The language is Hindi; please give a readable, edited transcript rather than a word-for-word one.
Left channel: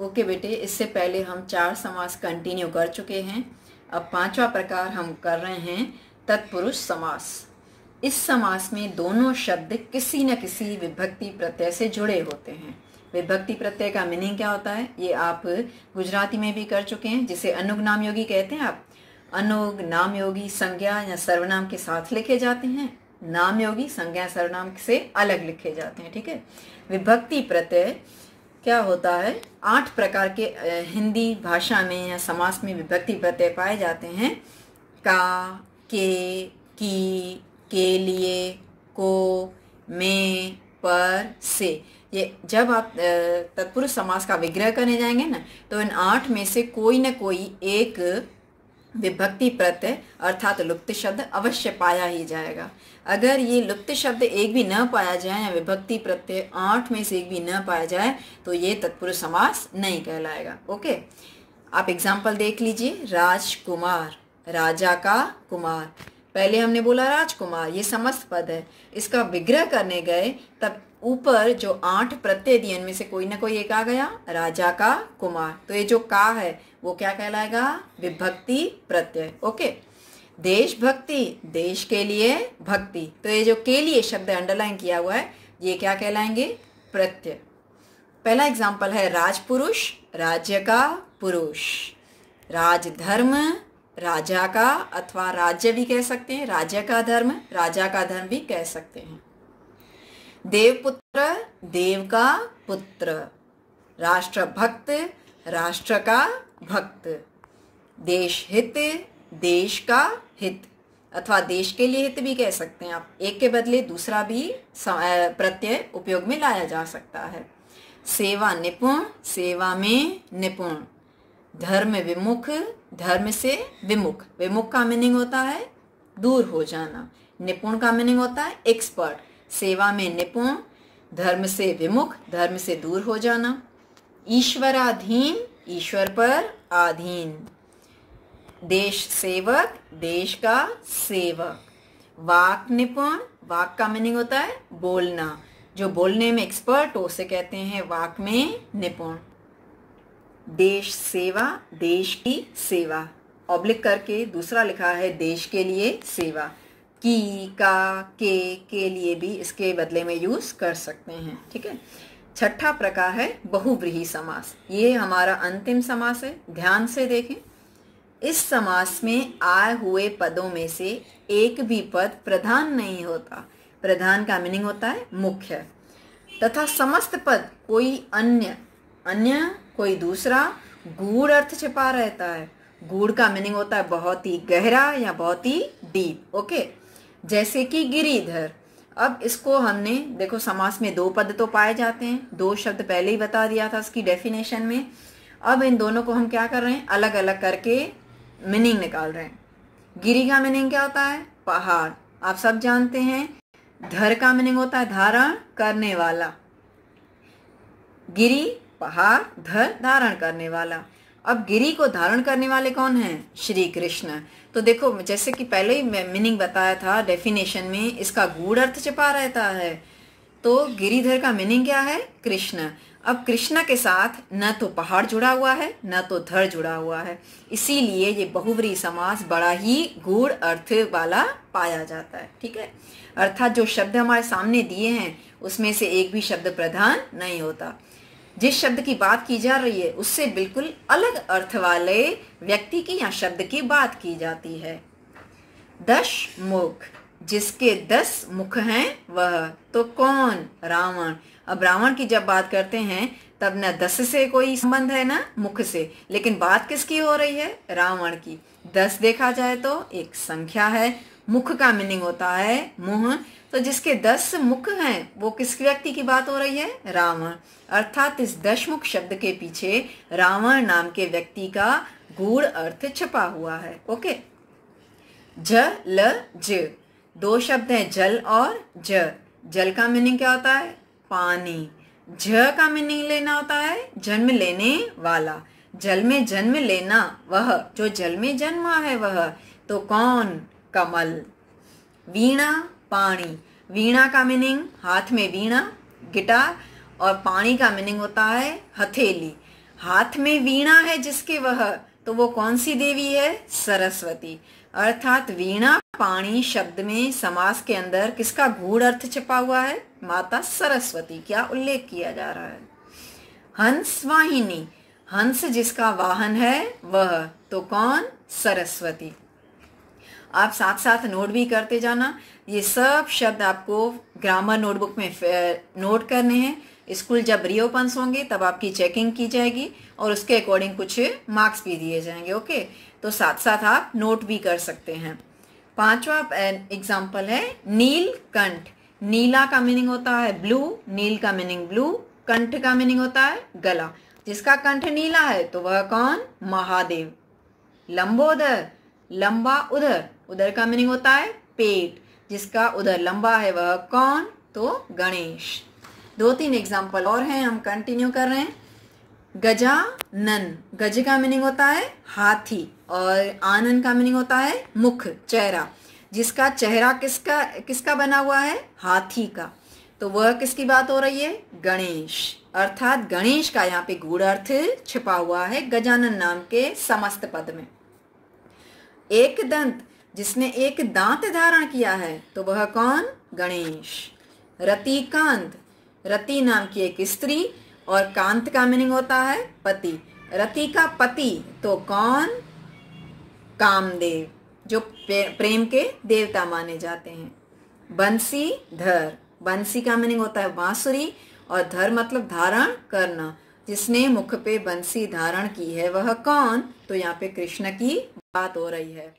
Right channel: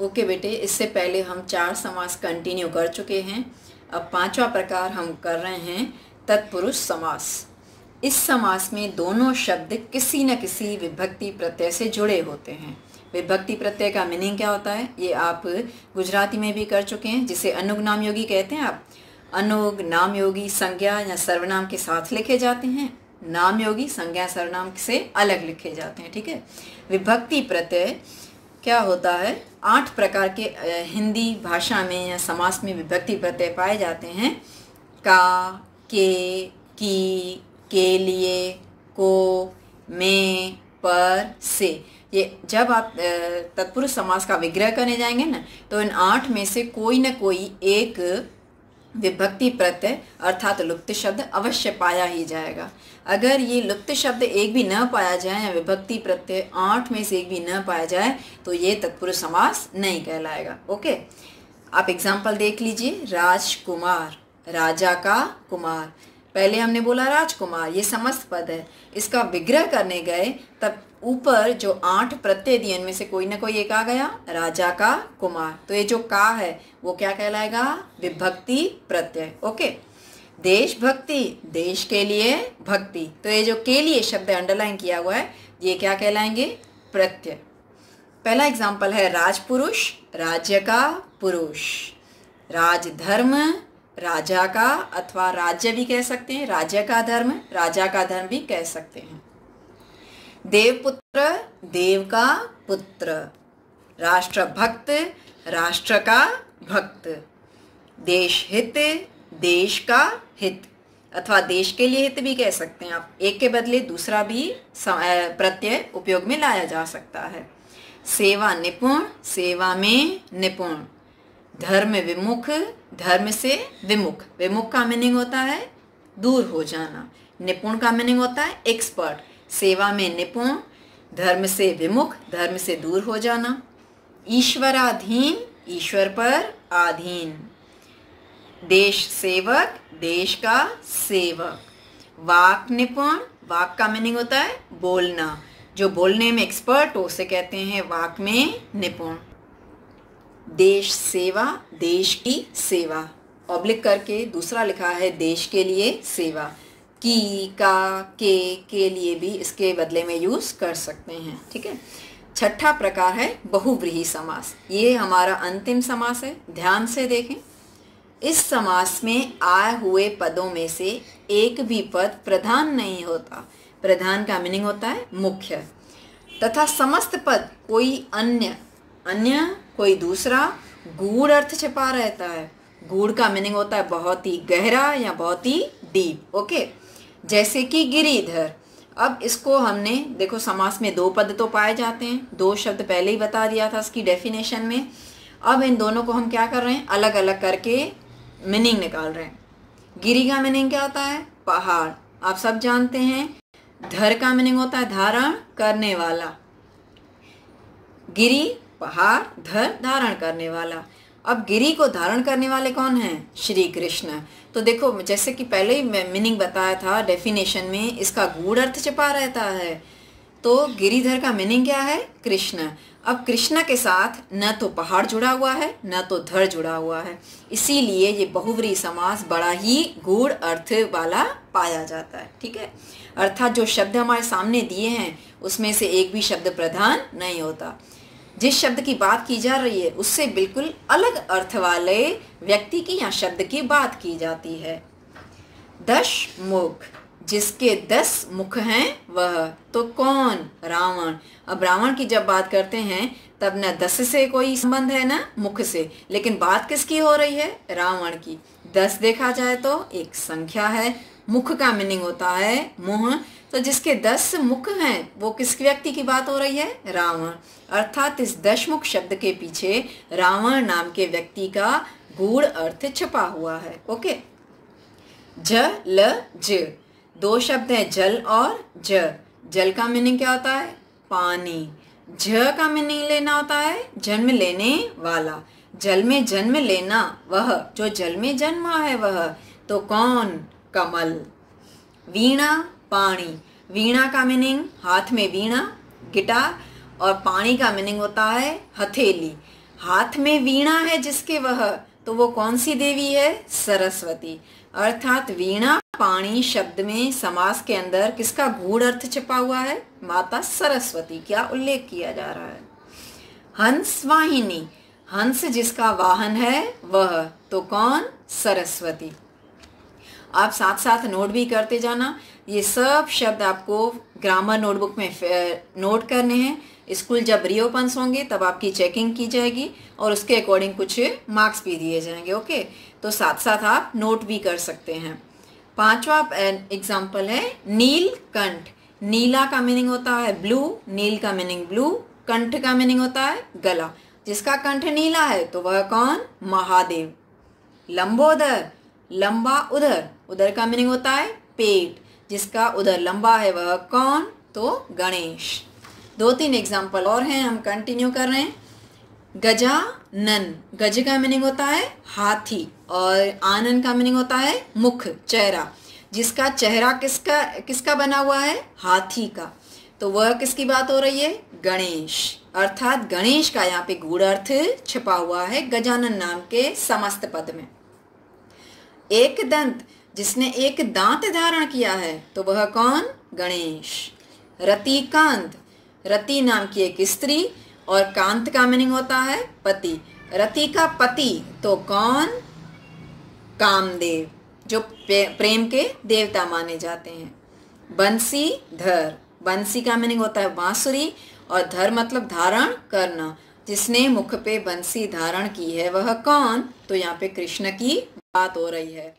ओके बेटे, इससे पहले हम 4 समास कंटिन्यू कर चुके हैं। अब 5वां प्रकार हम कर रहे हैं तत्पुरुष समास। इस समास में दोनों शब्द किसी न किसी विभक्ति प्रत्यय से जुड़े होते हैं। विभक्ति प्रत्यय का मीनिंग क्या होता है ये आप गुजराती में भी कर चुके हैं, जिसे अनुग नाम योगी कहते हैं। आप अनुग नाम योगी संज्ञा या सर्वनाम के साथ लिखे जाते हैं, नाम योगी संज्ञा सर्वनाम से अलग लिखे जाते हैं। ठीक है। विभक्ति प्रत्यय क्या होता है, 8 प्रकार के हिंदी भाषा में या समास में विभक्ति प्रत्यय पाए जाते हैं। का, के, की, के लिए, को, में, पर, से। ये जब आप तत्पुरुष समास का विग्रह करने जाएंगे ना, तो इन 8 में से कोई न कोई एक विभक्ति प्रत्यय अर्थात लुप्त शब्द अवश्य पाया ही जाएगा। अगर ये लुप्त शब्द एक भी न पाया जाए या विभक्ति प्रत्यय 8 में से एक भी न पाया जाए तो ये तत्पुरुष समास नहीं कहलाएगा। ओके, आप एग्जाम्पल देख लीजिए। राजकुमार, राजा का कुमार। पहले हमने बोला राजकुमार, ये समस्त पद है। इसका विग्रह करने गए तब ऊपर जो 8 प्रत्यय दिए इनमें से कोई ना कोई एक आ गया, राजा का कुमार। तो ये जो का है वो क्या कहलाएगा, विभक्ति प्रत्यय। ओके। देशभक्ति, देश के लिए भक्ति। तो ये जो के लिए शब्द अंडरलाइन किया हुआ है ये क्या कहलाएंगे, प्रत्यय। पहला एग्जाम्पल है राजपुरुष, राज्य का पुरुष। राजधर्म, राजा का अथवा राज्य भी कह सकते हैं, राज्य का धर्म, राजा का धर्म भी कह सकते हैं। देवपुत्र, देव का पुत्र। राष्ट्रभक्त, राष्ट्र का भक्त। देश हित, देश का हित अथवा देश के लिए हित भी कह सकते हैं आप। एक के बदले दूसरा भी प्रत्यय उपयोग में लाया जा सकता है। सेवा निपुण, सेवा में निपुण। धर्म विमुख, धर्म से विमुख। विमुख का मीनिंग होता है दूर हो जाना, निपुण का मीनिंग होता है एक्सपर्ट। सेवा में निपुण, धर्म से विमुख, धर्म से दूर हो जाना। ईश्वराधीन, ईश्वर पर आधीन। देश सेवक, देश का सेवक। वाक निपुण, वाक का मीनिंग होता है बोलना। जो बोलने में एक्सपर्ट हो उसे कहते हैं वाक में निपुण। देश सेवा, देश की सेवा। ऑब्लिक करके दूसरा लिखा है देश के लिए सेवा। की, का, के लिए भी इसके बदले में यूज कर सकते हैं। ठीक है। छठा प्रकार है बहुव्रीहि समास। ये हमारा अंतिम समास है, ध्यान से देखें। इस समास में आए हुए पदों में से एक भी पद प्रधान नहीं होता। प्रधान का मीनिंग होता है मुख्य, तथा समस्त पद कोई अन्य कोई दूसरा गूढ़ अर्थ छिपा रहता है। गूढ़ का मीनिंग होता है बहुत ही गहरा या बहुत ही डीप। ओके। जैसे कि गिरिधर। अब इसको हमने देखो, समास में 2 पद तो पाए जाते हैं, 2 शब्द पहले ही बता दिया था इसकी डेफिनेशन में। अब इन दोनों को हम क्या कर रहे हैं, अलग अलग करके मीनिंग निकाल रहे हैं। गिरी का मीनिंग क्या होता है, पहाड़, आप सब जानते हैं। धर का मीनिंग होता है धारण करने वाला। गिरी पहाड़, धर धारण करने वाला। अब गिरी को धारण करने वाले कौन हैं, श्री कृष्ण। तो देखो, जैसे कि पहले ही मीनिंग बताया था डेफिनेशन में, इसका गूढ़ अर्थ छिपा रहता है। तो गिरिधर का मीनिंग क्या है, कृष्ण। अब कृष्ण के साथ न तो पहाड़ जुड़ा हुआ है न तो धर जुड़ा हुआ है, इसीलिए ये बहुव्रीहि समास बड़ा ही गूढ़ अर्थ वाला पाया जाता है। ठीक है। अर्थात जो शब्द हमारे सामने दिए हैं उसमें से एक भी शब्द प्रधान नहीं होता। जिस शब्द की बात की जा रही है उससे बिल्कुल अलग अर्थ वाले व्यक्ति की या शब्द की बात की जाती है। 10 मुख, जिसके 10 मुख हैं वह। तो कौन, रावण। अब रावण की जब बात करते हैं तब न 10 से कोई संबंध है न मुख से, लेकिन बात किसकी हो रही है, रावण की। 10 देखा जाए तो एक संख्या है, मुख का मीनिंग होता है मुंह। तो जिसके 10 मुख हैं वो किस व्यक्ति की बात हो रही है, रावण। अर्थात इस 10 मुख शब्द के पीछे रावण नाम के व्यक्ति का गूढ़ अर्थ छिपा हुआ है। ओके। जल, ज, 2 शब्द हैं, जल और ज। जल का मीनिंग क्या होता है, पानी। ज का मीनिंग लेना होता है जन्म लेने वाला। जल में जन्म लेना, वह जो जल में जन्मा है वह। तो कौन, कमल। वीणा, पानी। वीणा का मीनिंग हाथ में वीणा, गिटार, और पानी का मीनिंग होता है हथेली। हाथ में वीणा है जिसके वह, तो वो कौन सी देवी है? सरस्वती। अर्थात वीणा पाणी शब्द में समास के अंदर किसका गूढ़ अर्थ छिपा हुआ है? माता सरस्वती का उल्लेख किया जा रहा है। हंस वाहिनी, हंस जिसका वाहन है वह, तो कौन? सरस्वती। आप साथ साथ नोट भी करते जाना। ये सब शब्द आपको ग्रामर नोटबुक में नोट करने हैं। स्कूल जब रीओपन्स होंगे तब आपकी चेकिंग की जाएगी और उसके अकॉर्डिंग कुछ मार्क्स भी दिए जाएंगे। ओके, तो साथ साथ आप नोट भी कर सकते हैं। 5वां एग्जाम्पल है नीलकंठ। नीला का मीनिंग होता है ब्लू, नील का मीनिंग ब्लू, कंठ का मीनिंग होता है गला। जिसका कंठ नीला है तो वह कौन? महादेव। लंबोदर, लंबा उदर, उदर का मीनिंग होता है पेट। जिसका उदर लंबा है वह कौन? तो गणेश। 2-3 एग्जाम्पल और हैं, हम कंटिन्यू कर रहे हैं। गजानन, गज का मीनिंग होता है हाथी और आनन का मीनिंग होता है मुख, चेहरा। जिसका चेहरा किसका बना हुआ है? हाथी का। तो वह किसकी बात हो रही है? गणेश। अर्थात गणेश का यहाँ पे गूढ़ अर्थ छिपा हुआ है गजानन नाम के समस्त पद में। एक दंत, जिसने एक दांत धारण किया है तो वह कौन? गणेश। रतिकांत, रति नाम की एक स्त्री और कांत का मीनिंग होता है पति। रति का पति तो कौन? कामदेव, जो प्रेम के देवता माने जाते हैं। बंसीधर, बंसी का मीनिंग होता है बांसुरी और धर मतलब धारण करना। जिसने मुख पे बंसी धारण की है वह कौन? तो यहाँ पे कृष्ण की बात हो रही है।